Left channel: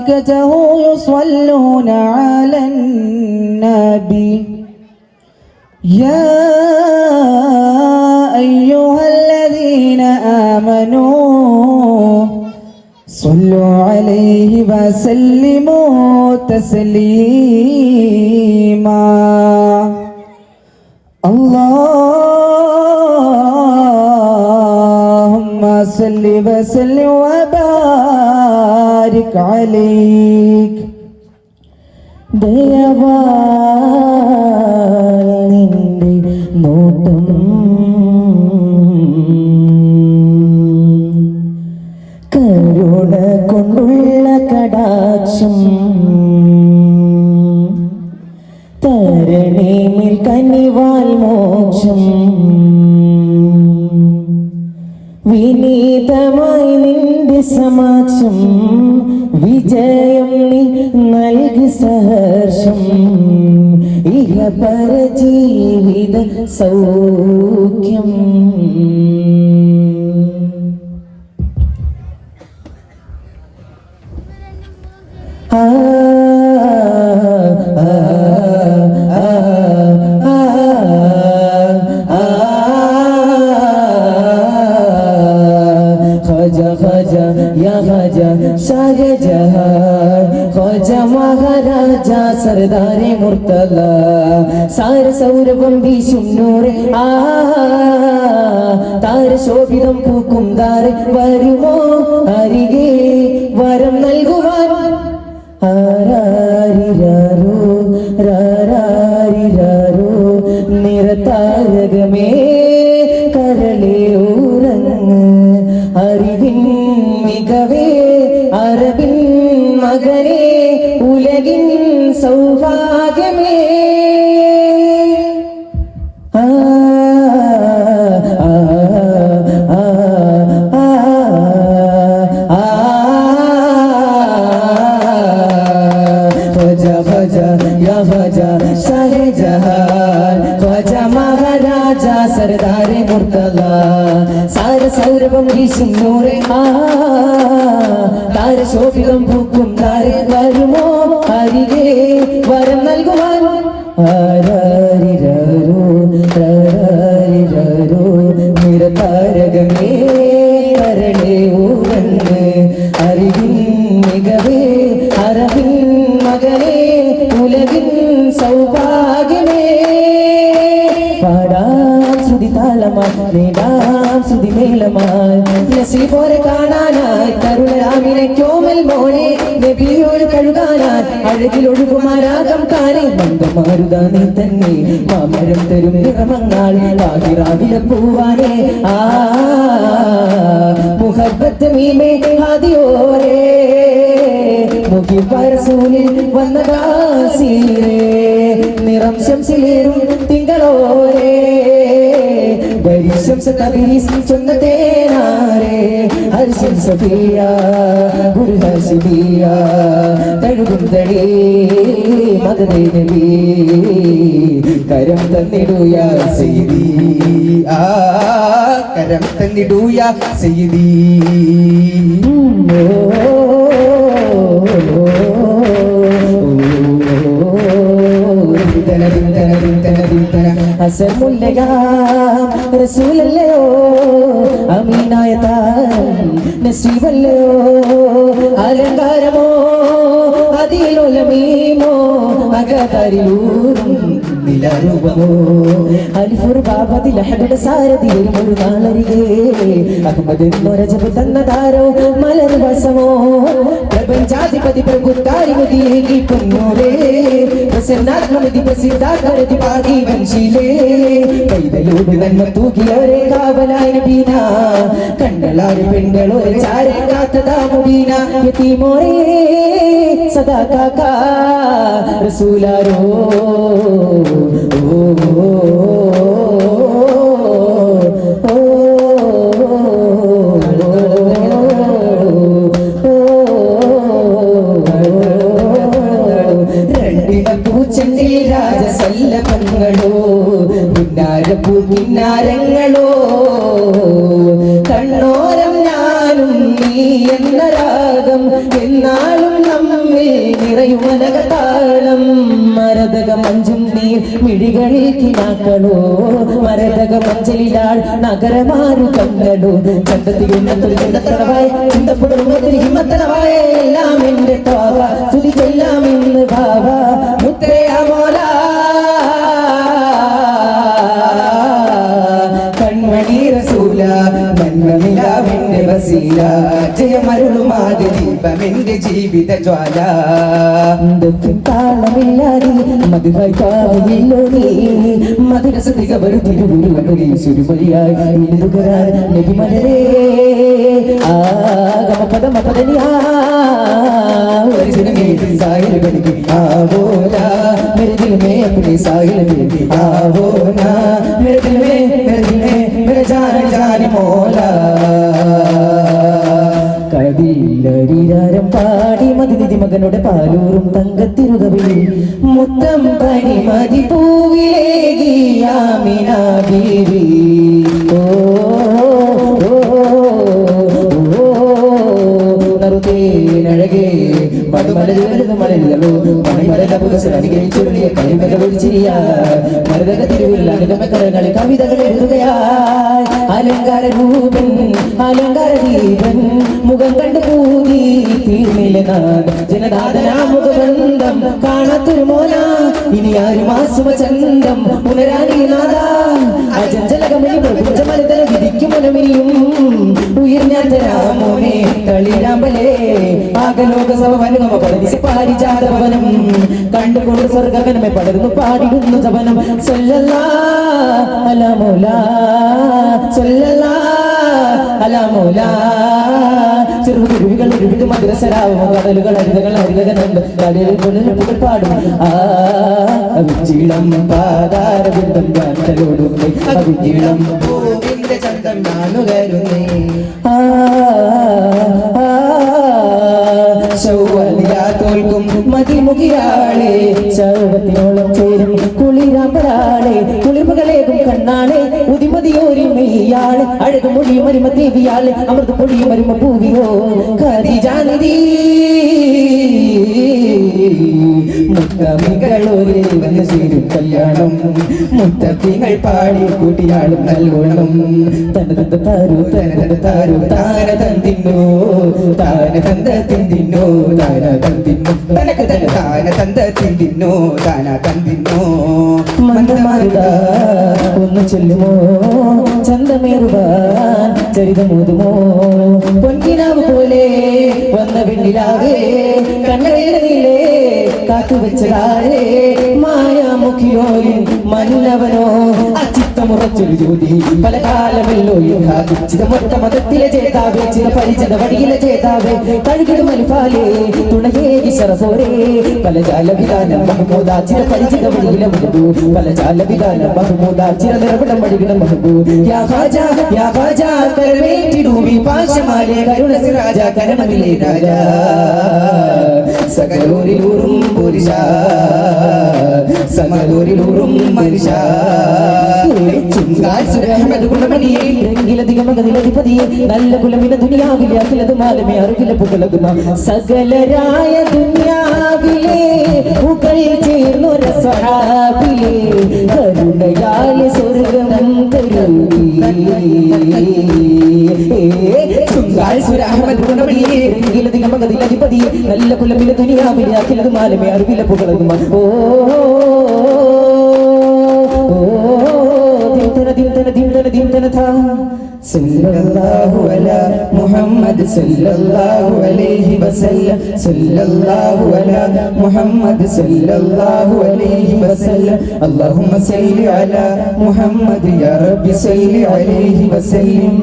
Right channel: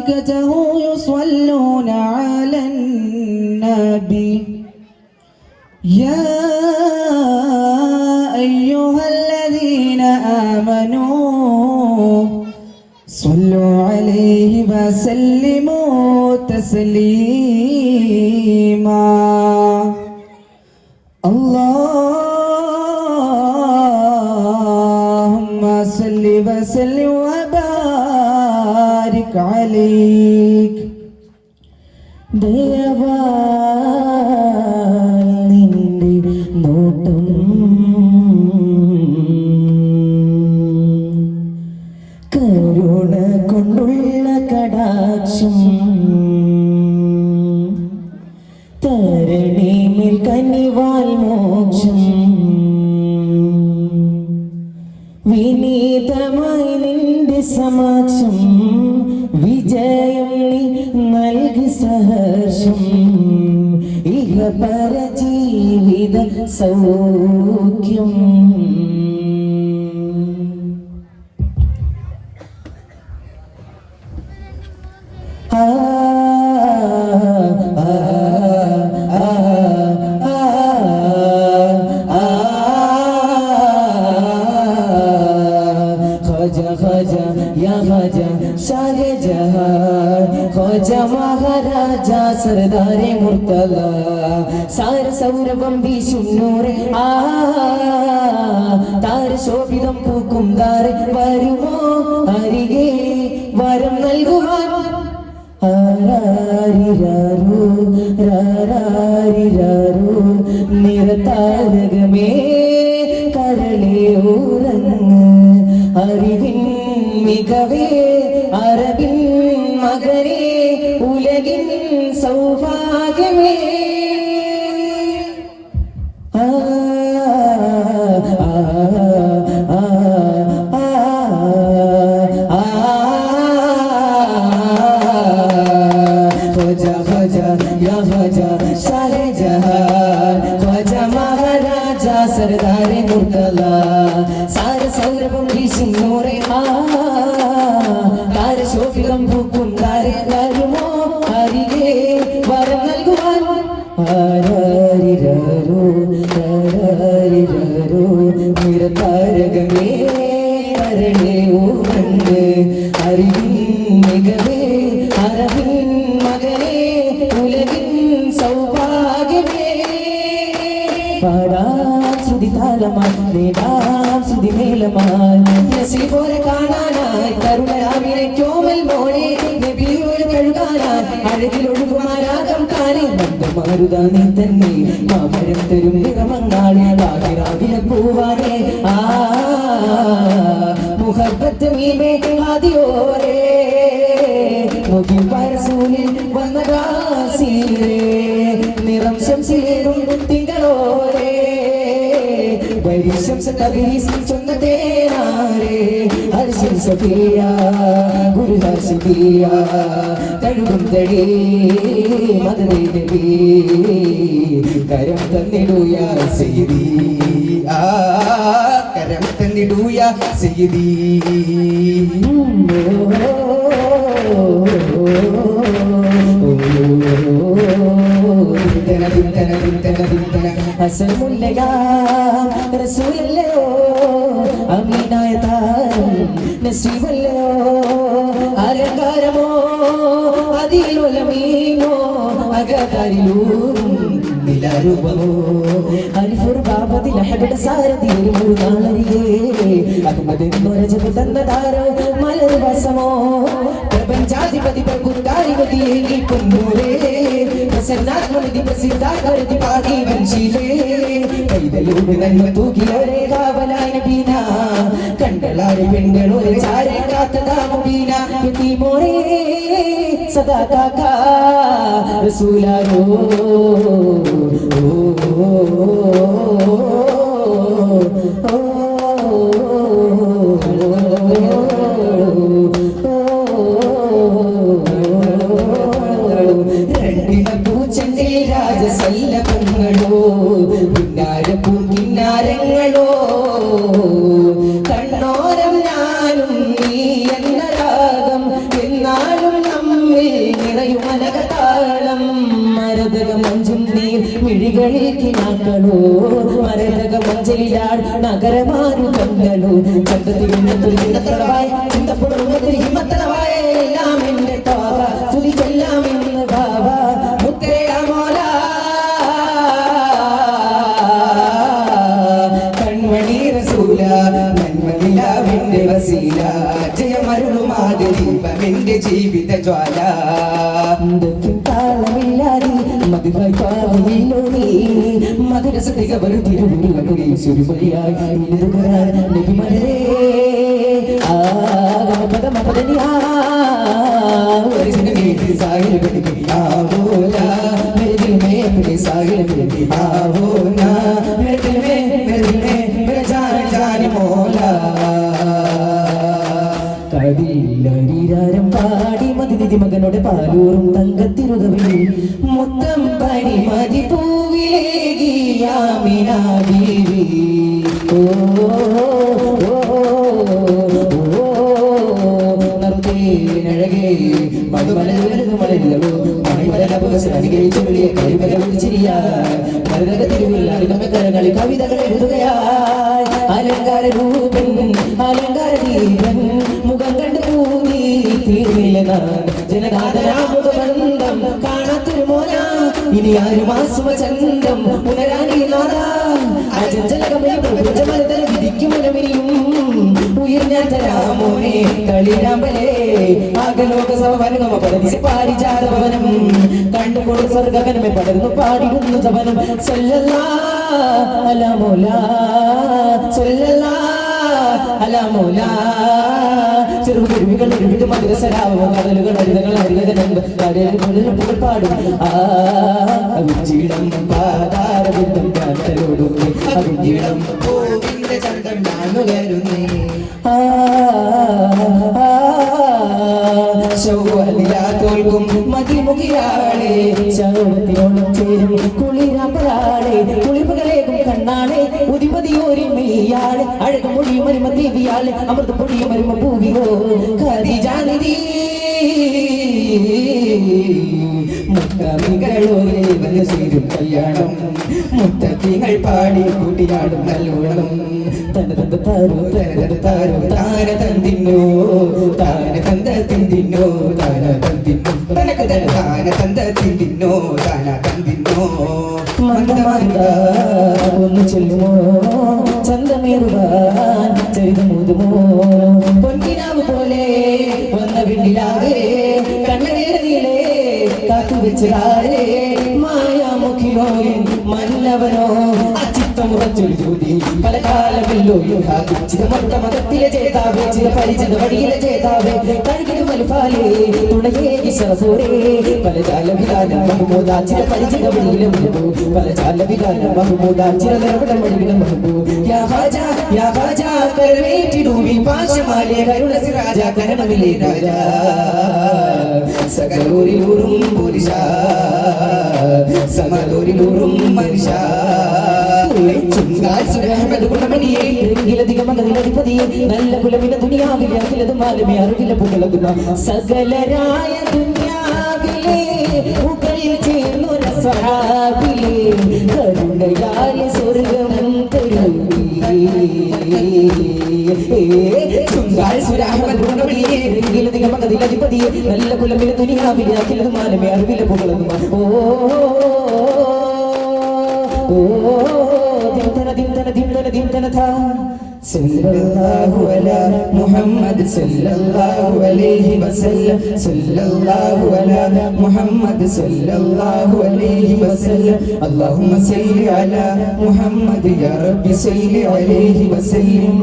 وملائكته يصلون على النبي يا أيها الذين آمنوا صلوا عليه وسلموا تسليما اللهم صل وسلم وبارك عليك ദയവാനിന്റെ നോട്ടം കരുണ കൊണ്ടുള്ള കടാക്ഷം തരണേമിൽ കനിവാൽ മോക്ഷം വിനീതമായി നിന്റെ സമാക്ഷം വിജയം നീ നൽകി സഹർഷം ഇഹപര ജീവിത സൗഖ്യം മഹാരാജ സർദാരെ മുർത്തല സാര സൗരഭം വീശും നൂറെ താര ശോഭിതം പൂക്കും താരെ വരുമോ അരികെ വരം നൽകുവാൻ ആരാരിരാരോ രാരാരിരാരോ നിറതാരകമേ കരളേ ഉറങ്ങ് അറിവിൻ മികവേ അറബിൻ മകനേ ഉലകിൻ സൗഭാഗ്യമേ സർദാരെ മുർത്തല സാര സൗരഭം വീശും നൂറെ താരശോഭിതം പൂക്കും താരെ വരുമോ അരികെ വരം നൽകുവാൻ ആരാരിരാരോ രാരാരിരാരോ നിറതാരകമേ കരളേ ഉറങ്ങ് അറിവിൻ മികവേ അറബിൻ മകനേ ഉലകിൻ സൗഭാഗ്യമേ നസീബോരെ കാണാനായി കരുണരാമിനെ കോമൽ മോനെ നബിയോട് കഴുകാനായി അഴകിലൊഴുകുമാരാകം കാണേ മന്ദമാരുത നീ തന്നെ മാമരം തരും നിറമങ്ങാളെ ആകിരാവിലെ പൂവാനേ മുഹബത്ത് മീമേ ആദിയോരേ മുഖിപ്പരസൂലിൽ വന്നതാസീരേ നിറം ശംസിലേറും തിങ്കളോരേ ശംസ തബീസ് ചൊന്നതേനാരേ ഹർഷം സഫിയ ഗുരുഹസിബിയ തഴുകും തടേ മദദേ നബി കരം തന്നിടുയ സയ്യിദി കരം തന്നിടുയ സയ്യിദി റസൂലല്ലയോ അമീനായ നസീബല്ലയോ അലങ്കാരമോ അതിലുലമീമോ അകതരിലൂറും നിലരൂപമോ അരിഫുർ ബാബതിൽ ഹബിയുടെ സാരതിയിൽ ഒരു നാളരികെ അഹമ്മദ് രജബ് തന്നതാരോ മലർ വസമോ പ്രപഞ്ചാധിപതി പ്രഭുക്കാരി മുതിയേകി പൊന്നോരേ പ്രസന്നാത്മതി പ്രസിദ്ധാകരതി പാകി വൻശീലേ കൈതലൂട് നന്മ തൂക്കിയവരെ കാവലായ ബീന കണ്ടലാടി പെണ്ണുകളൊരു ചാരെ കാത്തതാമുബീന യതീമോരേ സദാ കാക്ക റസൂലാരോ രാജസല്ലഭങ്ങളോ പുന്നാരപ്പൂ കിന്നാരങ്ങളോ കണ്ണോരം ഞാനും നീ എന്ന രാഗം എന്നാലും കണ്ണുകളോ മരതക മഞ്ചലിലാൾ നഗരമാരു കണ്ണുകളോ ചന്തത്തിൽ ചിന്തപ്പെടും ഹിമത്തലവായ എല്ലാം എന്റെ താവ തുതിക്കെല്ലാം ഇന്ന് ഭാവ മുത്തയാമോല കൺമണി റസൂല നന്മനിലാവിന്റെ വസീല ജയമരുളുമാതി ദീപമെന്റെ ജീവിത ജ്വാല താളമില്ലാതെ മധുരായി പാവില്ലോ നീ മധുരസതിക വെറുതിരുവിളി സുരുമരിയായി നബിമലരേ ആഗമപദമപദനിയാ साहिल बन गया वो ना मेरे दिल में अपनी साहिल बन गया वो ना मेरे दिल में मेरे जान मोला കടില്ലരിരാരം പാടി മതിനിധി മകനുടെ പാലൂറും തങ്കത്തിരുകവിൽ മുത്തം പനി മതി പൂവിലേകിയാമിന ബീവി ഓ കവിതകൾ എഴുതുകയായി അലങ്കാര രൂപൻ അലങ്കാര ദീപൻ മുഖം കണ്ടു പൂതി തീർന്നില്ല ജനനാഥനാമുഖബന്ധം കാണാത്തൊരു മോന ഇനി ആരും ആസുവചന്തം പുനരാനീനാഥ അജഞ്ചലകമേ വിധിക്കും മനമിനിയും ഉയർന്നാമോനെ കളിരാമ്പലേ ആകലോകസഭ വനുഗമ പരദിശ പാരിജാതഭവനം കണ്ടുകൊണ്ട് സ്വർഗഗനമേ പടർന്നു പാടിടുന്നു സവനം സല്ലല്ലാഹു അലാ മൗലാ സല്ലല്ലാഹു അലാ മൗലാ ചെറുകുരുവികൾ ഒരുവിധ മധുരസരാവോ കടലുകൾ അരിതകൾ അരികനുണ്ട് കടലുകൾ പാടും അവിച്ചിളം പാതാരബുദ്ധം കാന്തലോടുന്നേ അവിച്ചിളം പൂവിന്റെ ചന്തം നാനുകരുന്നേ തോൽക്കും മതിമുഖിയാളെ ശർവത്തിനോളം ചേരും കുളിരാമ്പലാളെ കുളിപ്പുകളേകും കണ്ണാളെ ഉതിമതിയോരിൽ മെയ്യാളെ അഴകു മൊഴിയും വരുമ ദേവിയാളെ അമൃത പൊടിയും വരുമ പൂവിയോ ഖദീജാനിധി മുത്തമികളോരെ വന്നു ചേരും കല്യാണം മുത്തത്തിങ്ങൾ പാടി കൂട്ടിയാടും നല്ലോണം തനത താരു താന തന്തിന്നോ താന തന്ത തിന്തിന്നോ താന തന്തിന്നോ തനക്ക് തന താന തന്ത തിന്തിന്നോ താന തന്തിന്നോ മന്ദമാരുക ഒന്ന് ചെല്ലുമോ ചന്തമേറുവാൻ ചരിതമോതുമോ പൊൻകിനാവ് പോലെ വന്ന പിന്നിലാവേ കണ്ണവേരയിലേ കാത്തുവെച്ചതാരേ മായാമുഖിയോയും മന്നവനോ അച്ചിത്തമുറച്ചൊരു ജ്യോതി പല കാലമല്ലോ ചിതമൊട്ട മതത്തിലെ ചേതാവേ ചില പരിചത വഴിയിലെ ചേതാവേ കഴുകിടും മനുഫാലേ തുണയേകി ശറഫോരേ പല ജാലവിധാനം മഹമൂദാ ചില പരിചിത വഴിയിലെ മഹബൂ പല ജാലവിധാനം മഹമൂദാ ചില നിറവിടം വഴിയിലെ മഹബൂ യാ ഖാജാ കരമേറ്റിടൂവി പാശമാലേ കരുണ സിറാജ കരണമിലേ രാജാ സകലോരിലൂറും പുരുഷ സമലോരിലൂറും മനുഷ്യ നല്ല കുലമിന ദുനിയാവിലെ മാലമേ അറിവില പുകളതുമ സകലരായ ദുനിയാവിലെ പുകൾ ചേർന്നൊര സഹാബിലെ കരുണയാലെ സ്വർഗം തരൂരി നല്ല കുലമിന ദുനിയാവിലെ അഖിലത് മാലമേ അറിവില പുകളതുമ ഓ സല്ലല്ലാഹു അലാ മുഹമ്മദ് സല്ലല്ലാഹു അലൈഹി വസല്ലം സല്ലല്ലാഹു അലാ മുഹമ്മദ് സല്ലല്ലാഹു അലൈഹി വസല്ലം അല്ലാഹുമ്മ സല്ലി അലാ മുഹമ്മദ് യാ റബ്ബി സല്ലി അലൈഹി വസല്ലം